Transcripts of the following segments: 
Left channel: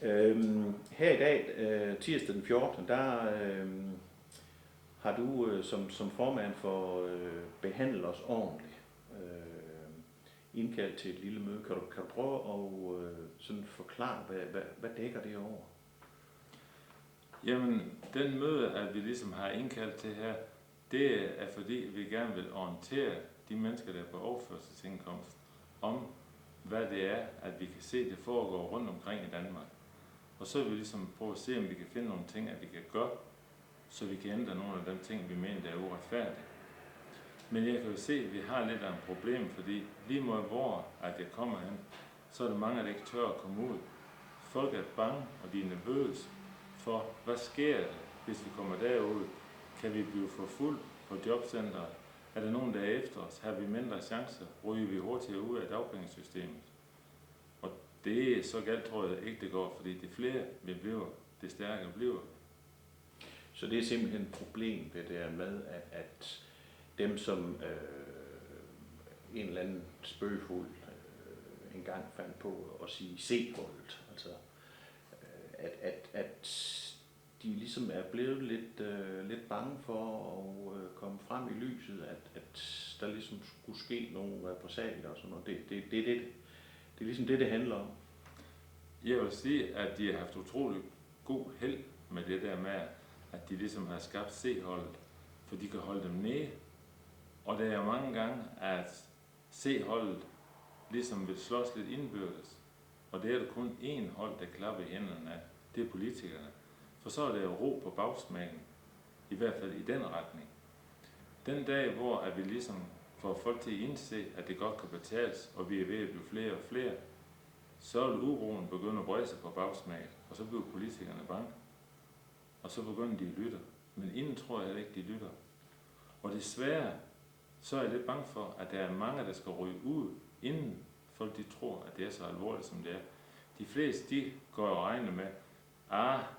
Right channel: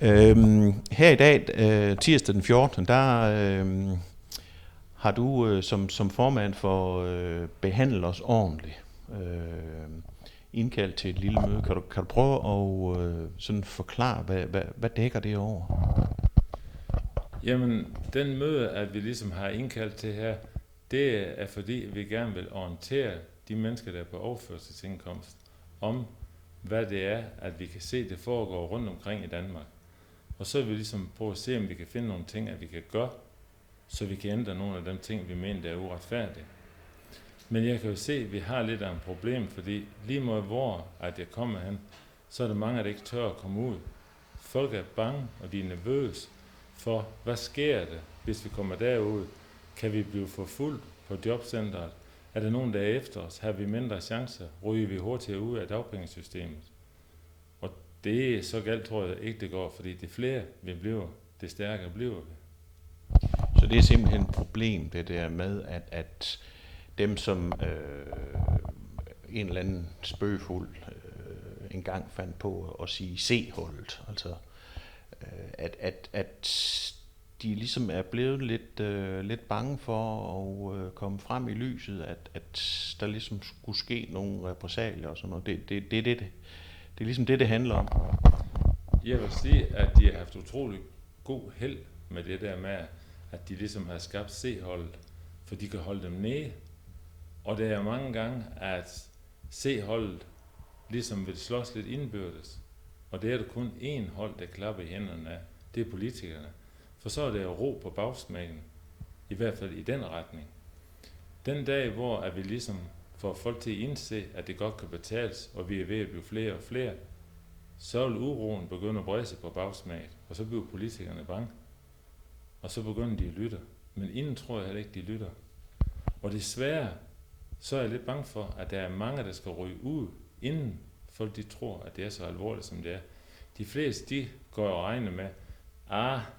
Her i dag, tirsdag den 14., der har du som formand for Behandle os ordentligt indkaldt til et lille møde. Kan du prøve at sådan forklare, hvad dækker det over? Jamen, den møde, at vi ligesom har indkaldt til her, det er fordi, vi gerne vil orientere de mennesker, der er på overførselsindkomst, om hvad det er, at vi kan se, det foregår rundt omkring i Danmark. Og så vil vi ligesom prøve at se, om vi kan finde nogle ting, at vi kan gøre, så vi kan ændre nogle af de ting, vi mener, der er uretfærdige. Men jeg kan jo se, at vi har lidt af et problem, fordi lige meget hvor at jeg kommer hen, så er der mange, der ikke tør at komme ud. Folk er bange, og de er nervøse for, hvad sker der, hvis vi kommer derud? Kan vi blive forfulgt på jobcentret? Er der nogen, der er efter os? Har vi mindre chancer? Ryger vi hurtigere ud af dagpengesystemet? Og det er så galt, tror jeg ikke, det går, fordi det flere vi bliver, det stærkere bliver vi. Så det er simpelthen et problem, det der med, at dem, som en eller anden spøgefuld engang fandt på at sige C-holdet, altså at de ligesom er blevet lidt bange for at komme frem i lyset, at der ligesom skulle ske nogle repressalier og sådan noget. Det er ligesom det handler om. Jeg vil sige, at de har haft utrolig god held med det der med, at de ligesom har skabt C-holdet, for de kan holde dem nede. Og det er mange gange, at C-holdet ligesom vil slås lidt indbyrdes. Og det er der kun én hold, der klapper i hænderne af. Det er politikerne. For så er det jo ro på bagsmækken. I hvert fald i den retning. Den dag, hvor at vi ligesom får folk til at indse, at det godt kan betales, og vi er ved at blive flere og flere, så vil uroen begynde at brede sig på bagsmækken, og så bliver politikerne bange. Og så begynder de at lytte. Men inden tror jeg heller ikke, de lytter. Og desværre, så er jeg lidt bange for, at der er mange, der skal ryge ud, inden folk de tror, at det er så alvorligt, som det er. De fleste, de går og regner med,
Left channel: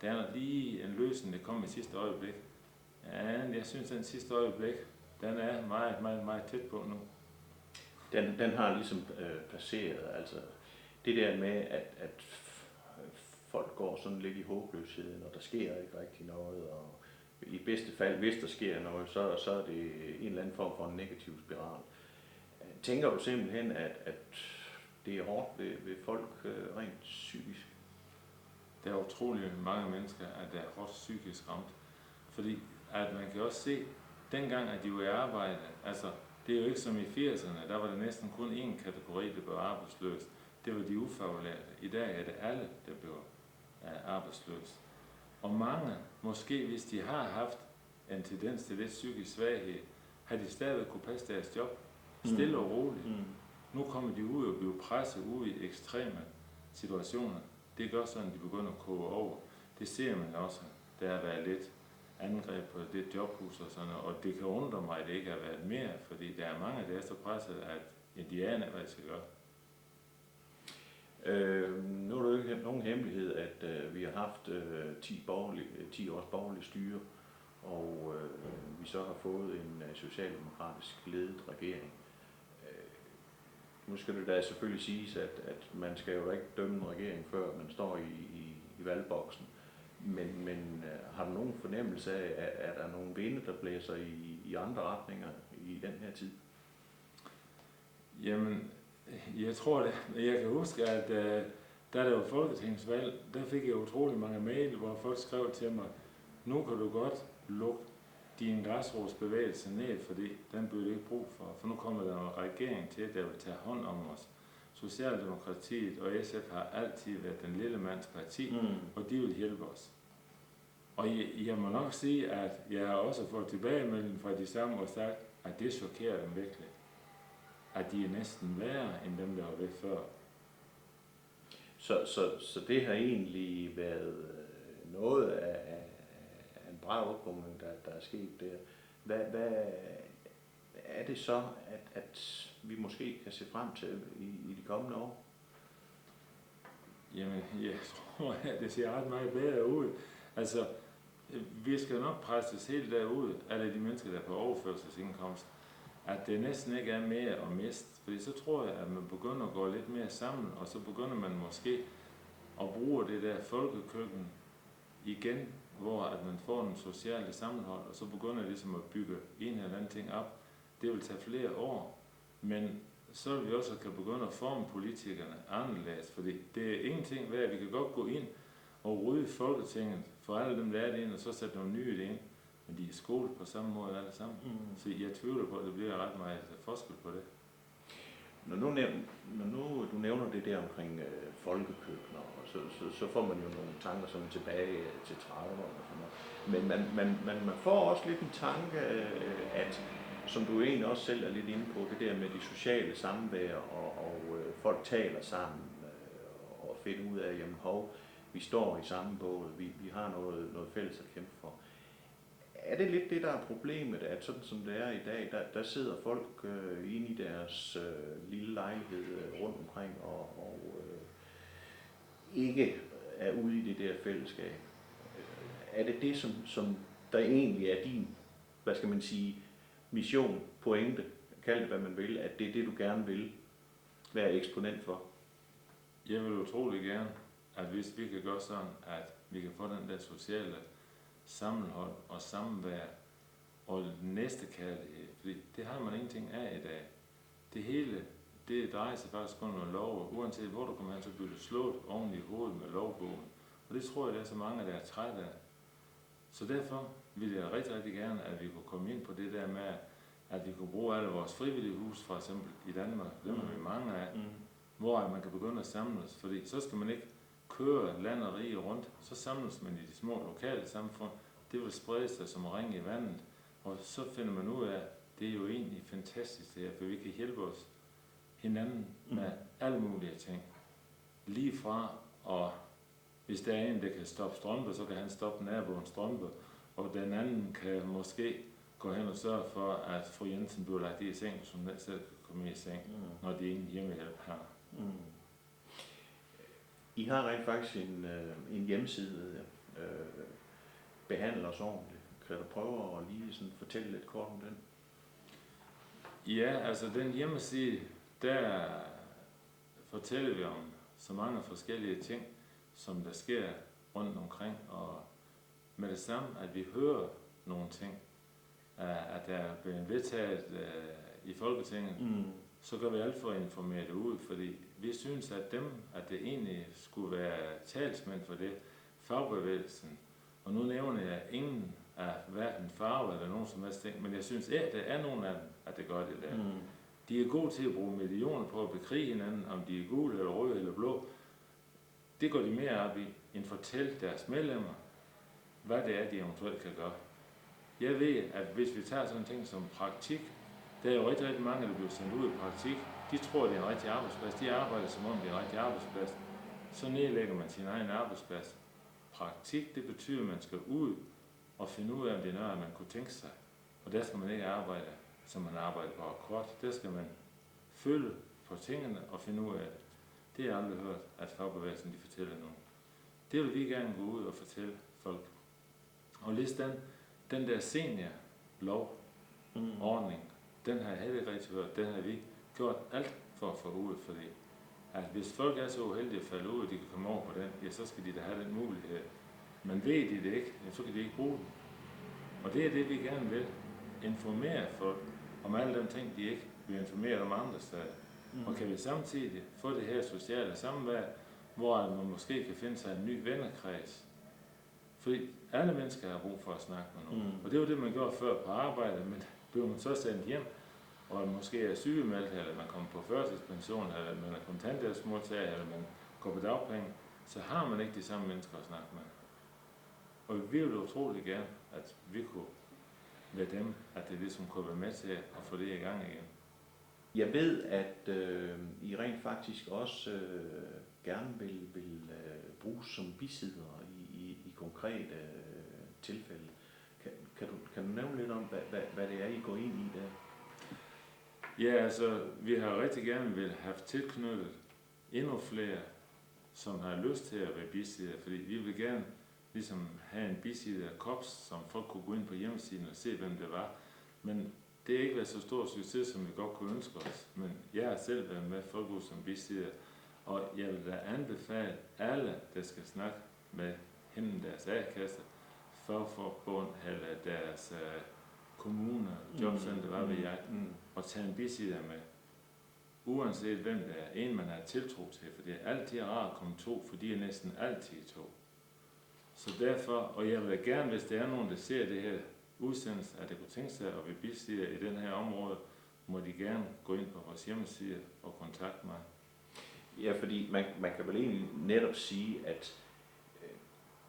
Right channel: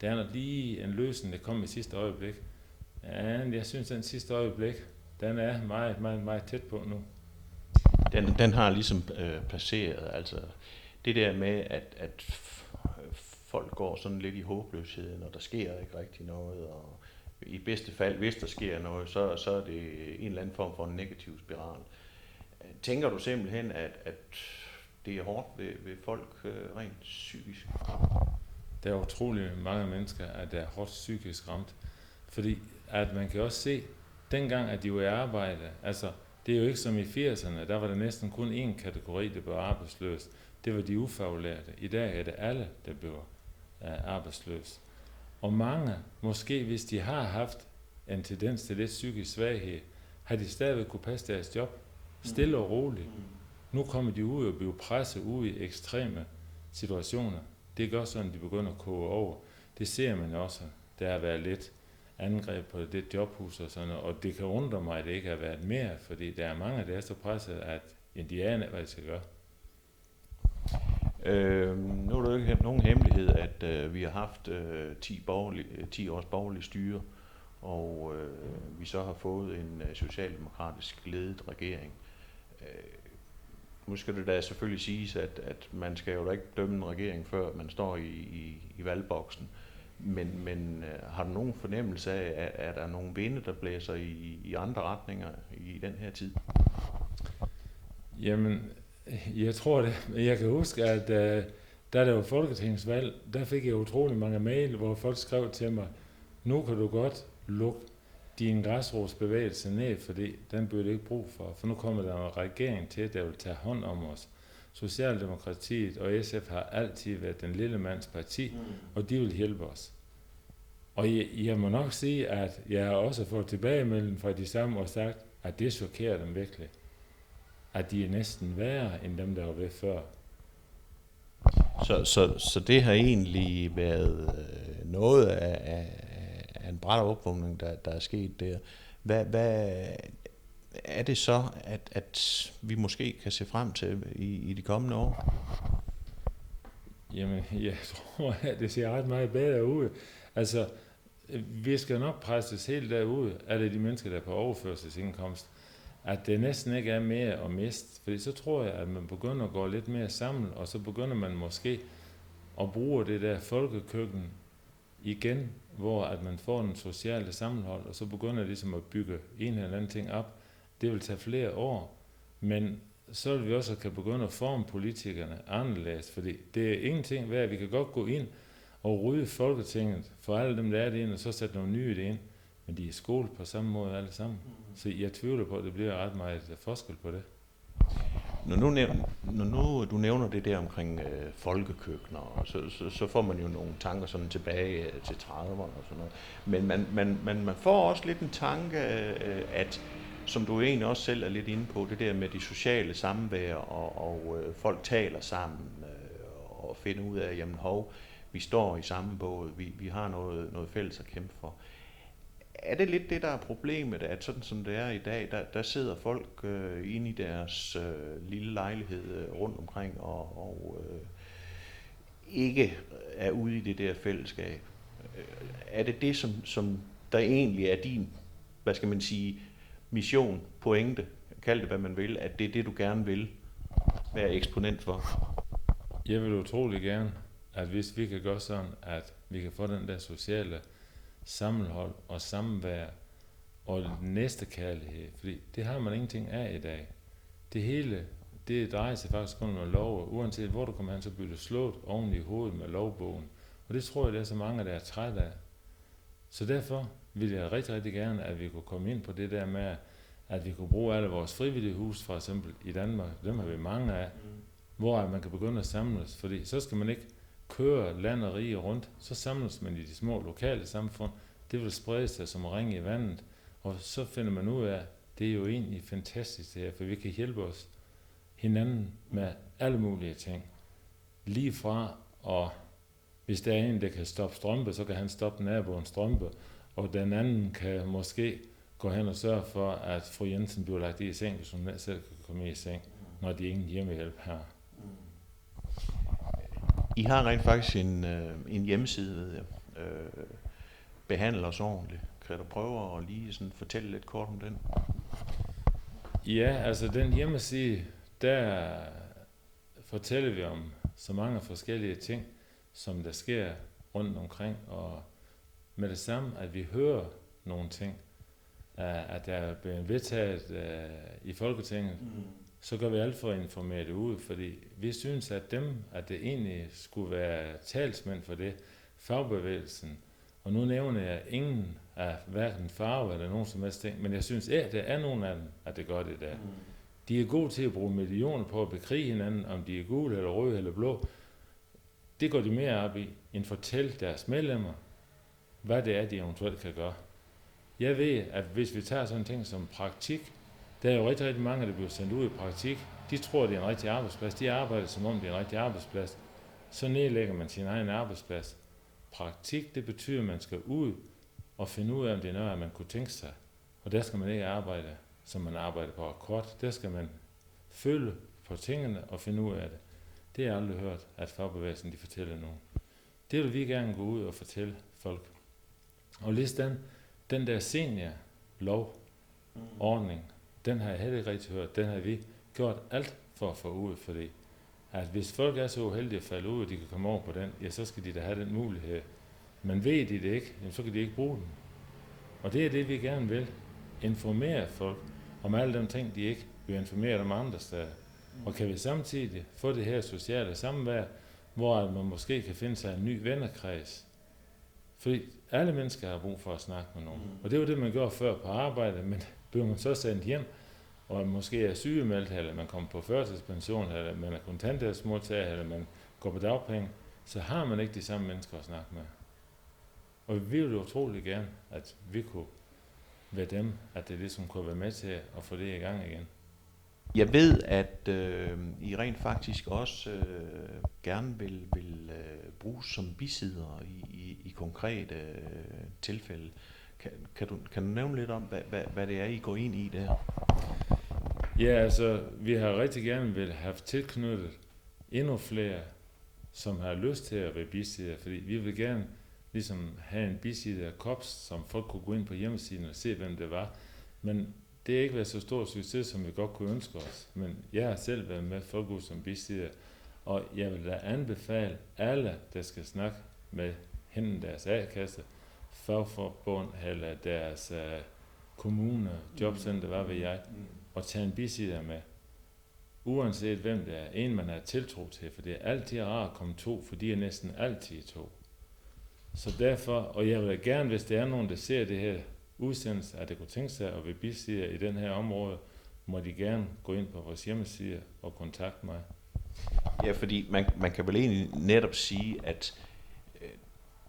der er lige en løsning, der kommer i sidste øjeblik. Ja, jeg synes, at den sidste øjeblik, den er meget, meget, meget tæt på nu. Den har ligesom passeret, altså det der med, at folk går sådan lidt i håbløsheden, og der sker ikke rigtig noget, og i bedste fald, hvis der sker noget, så er det en eller anden form for en negativ spiral. Tænker du simpelthen, at det er hårdt ved folk rent psykisk? Der er utrolig mange mennesker, at der er hårdt psykisk ramt. Fordi at man kan også se, dengang at de var i arbejde, altså det er jo ikke som i 80'erne, der var der næsten kun én kategori, der blev arbejdsløs. Det var de ufaglærte. I dag er det alle, der bliver arbejdsløs. Og mange, måske hvis de har haft en tendens til lidt psykisk svaghed, har de stadigvæk kunne passe deres job stille og roligt. Nu kommer de ud og bliver presset ud i ekstreme situationer. Det gør sådan, at de begynder at koge over. Det ser man også. Der har været lidt angreb på det jobhus og sådan noget, og det kan undre mig, at det ikke har været mere, fordi der er mange, der er så presset, at de aner, hvad de skal gøre. Nu er det jo ikke nogen hemmelighed, at vi har haft 10 års borgerlig styre, og vi så har fået en socialdemokratisk ledet regering. Nu skal det da selvfølgelig siges, at man skal jo da ikke dømme en regering, før man står i valgboksen. Men har du nogen fornemmelse af, at der er nogle vinde, der blæser i andre retninger i den her tid? Jamen, jeg tror det. Jeg kan huske, at da der var folketingsvalg, der fik jeg utrolig mange mail, hvor folk skrev til mig, nu kan du godt lukke din græsrodsbevægelse ned, fordi den bliver det ikke brug for nu kommer der en regering til, der vil tage hånd om os. Socialdemokratiet og SF har altid været den lille mands parti, og de vil hjælpe os. Og jeg må nok sige, at jeg har også fået tilbagemelding fra de samme og sagt, at det chokerer dem virkelig. At de er næsten værre end dem, der var ved før. Så det har egentlig været noget af en brat opvågning, der er sket der. Hvad er det så, at vi måske kan se frem til i de kommende år? Jamen, jeg tror, at det ser ret meget bedre ud. Altså, vi skal nok presses helt derud, at det er de mennesker, der er på overførselsindkomst, at det næsten ikke er mere at miste. Fordi så tror jeg, at man begynder at gå lidt mere sammen, og så begynder man måske og bruger det der folkekøkken igen, hvor at man får en sociale sammenhold, og så begynder ligesom at bygge en eller anden ting op. Det vil tage flere år, men så vil vi også kan begynde at forme politikerne anderledes, fordi det er ingenting værd. Vi kan godt gå ind og rydde Folketinget for alle dem, der er det ind, og så sætte nogle nye ind, men de er skolet på samme måde alle sammen. Så jeg tvivler på, at det bliver ret meget forskel på det. Når nu du nævner det der omkring folkekøkkener, så får man jo nogle tanker sådan tilbage til 30'erne og sådan noget. Men man får også lidt en tanke, at som du egentlig også selv er lidt inde på, det der med de sociale samvær, og folk taler sammen og finder ud af, jamen vi står i samme båd, vi har noget fælles at kæmpe for. Er det lidt det, der er problemet, at sådan som det er i dag, der sidder folk inde i deres lille lejlighed rundt omkring og ikke er ude i det der fællesskab? Er det det, som der egentlig er din, hvad skal man sige, mission, pointe, kald det hvad man vil, at det er det, du gerne vil være eksponent for? Jeg vil utrolig gerne, at hvis vi kan gøre sådan, at vi kan få den der sociale sammenhold og samvær og næstekærlighed, fordi det har man ingenting af i dag. Det hele, det drejer sig faktisk kun om lov, og uanset hvor du kommer hen, så bliver du slået oven i hovedet med lovbogen. Og det tror jeg, der er så mange, der er trætte af. Så derfor vil jeg rigtig, rigtig gerne, at vi kunne komme ind på det der med, at vi kunne bruge alle vores frivillige hus, for eksempel i Danmark, dem har vi mange af, hvor man kan begynde at samles, fordi så skal man ikke køre land og rige rundt, så samles man i de små lokale samfund, det vil sprede sig som ring i vandet, og så finder man ud af, det er jo egentlig fantastisk det her, for vi kan hjælpe os hinanden med alle mulige ting. Lige fra, og hvis der er en, der kan stoppe strømpe, så kan han stoppe naboens strømpe, og den anden kan måske gå hen og sørge for, at fru Jensen bliver lagt i seng, så hun selv kan komme i seng, når de ingen hjemmehjælp har. I har rent faktisk en hjemmeside, behandler os ordentligt. Kan du prøve at lige sådan fortælle lidt kort om den? Ja, altså den hjemmeside, der fortæller vi om så mange forskellige ting, som der sker rundt omkring, og med det samme, at vi hører nogle ting, at der er blevet vedtaget i Folketinget, så gør vi alt for at informere det ud, fordi vi synes, at det egentlig skulle være talsmænd for det, fagbevægelsen. Og nu nævner jeg ingen af hverken farve eller nogen som helst ting, men jeg synes, at der er nogen af dem, at det gør det der. De er gode til at bruge millioner på at bekrige hinanden, om de er gule eller røde eller blå. Det går de mere op i, end fortælle deres medlemmer, hvad det er, de eventuelt kan gøre. Jeg ved, at hvis vi tager sådan en ting som praktik, der er jo rigtig, rigtig mange, der bliver sendt ud i praktik. De tror, det er en rigtig arbejdsplads. De arbejder, som om det er en rigtig arbejdsplads. Så nedlægger man sin egen arbejdsplads. Praktik, det betyder, at man skal ud og finde ud af, om det er noget, man kunne tænke sig. Og der skal man ikke arbejde, som man arbejder på akkord. Der skal man følge på tingene og finde ud af det. Det har jeg aldrig hørt, at fagbevægelsen de fortæller nogen. Det vil vi gerne gå ud og fortælle folk. Og listan, den der seniorlovordning, den har jeg heller ikke rigtig hørt. Den har vi gjort alt for at få ud, fordi at hvis folk er så uheldige at falde ud, og de kan komme over på den, ja, så skal de da have den mulighed. Men ved de det ikke, så kan de ikke bruge den. Og det er det, vi gerne vil. Informere folk om alle de ting, de ikke vil informere om andre steder. Og kan vi samtidig få det her sociale samvær, hvor man måske kan finde sig en ny vennekreds. Fordi alle mennesker har brug for at snakke med nogen. Og det var det, man gjorde før på arbejde, men bliver man så sendt hjem, og måske er sygemeldt, eller man kommer på førtidspension, eller man er kontanthjælpsmodtager, eller man går på dagpenge, så har man ikke de samme mennesker at snakke med. Og vi ville utrolig gerne, at vi kunne være dem, at det ligesom kunne være med til at få det i gang igen. Jeg ved, at I rent faktisk også gerne vil bruges som bisidder i konkrete tilfælde. Kan du nævne lidt om, hvad det er, I går ind i der? Ja, altså, vi har rigtig gerne vil have tilknyttet endnu flere, som har lyst til at være bisidder, fordi vi vil gerne ligesom have en bisidderkorps, som folk kunne gå ind på hjemmesiden og se, hvem det var. Men det har ikke været så stor succes, som vi godt kunne ønske os. Men jeg har selv været med Folkehus som bisidder, Og jeg vil da anbefale alle, der skal snakke med hende, deres A-kasse, fagforbund eller deres kommune, jobcenter, hvad ved jeg, og tage en bisidder med. Uanset hvem det er, en man er tiltro til, for det er altid rart at komme to, for de er næsten altid to. Så derfor, og jeg vil gerne, hvis der er nogen, der ser det her udsendelse, at det kunne tænke sig at være bisidder i den her område, må de gerne gå ind på vores hjemmeside og kontakte mig. Ja, fordi man kan vel egentlig netop sige, at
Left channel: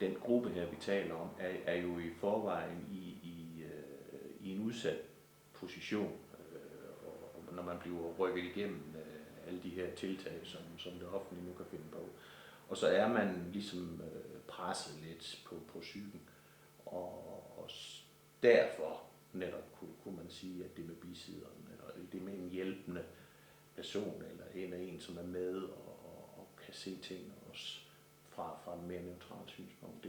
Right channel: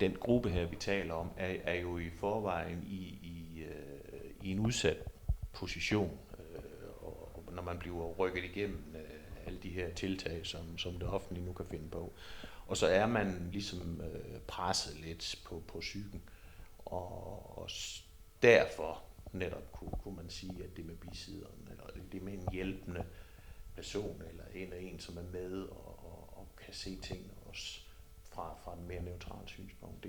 den gruppe her, vi taler om, er jo i forvejen i en udsat position, og når man bliver rykket igennem alle de her tiltag, som det offentlige nu kan finde på. Og så er man ligesom presset lidt på psyken, og derfor netop kunne man sige, at det med bisidderen, eller det med en hjælpende person, eller en som er med og kan se ting også fra en mere neutral synspunkt.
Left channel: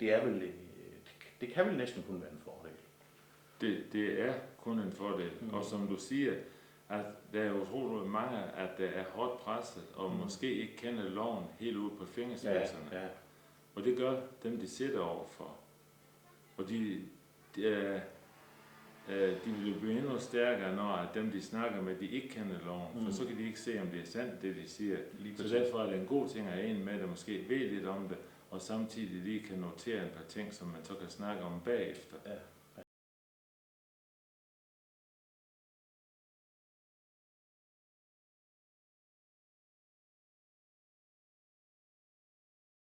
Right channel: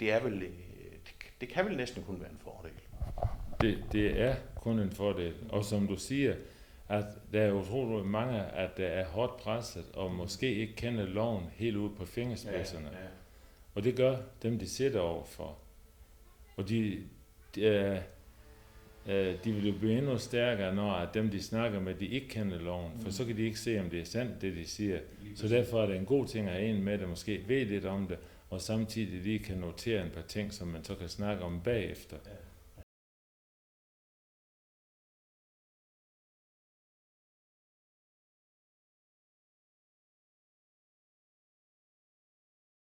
Det er vel, det kan vel næsten kun være en fordel. Det er kun en fordel, og som du siger, at der er utroligt mange, at der er hårdt presset, og måske ikke kender loven helt ud på fingerspidserne. Ja. Og det gør dem, de sidder overfor. Og de vil jo blive endnu stærkere, når dem, de snakker med, de ikke kender loven, for så kan de ikke se, om det er sandt, det de siger. Så derfor er det en god ting at have en med, der måske ved lidt om det, og samtidig lige kan notere en par ting, som man så kan snakke om bagefter. Ja.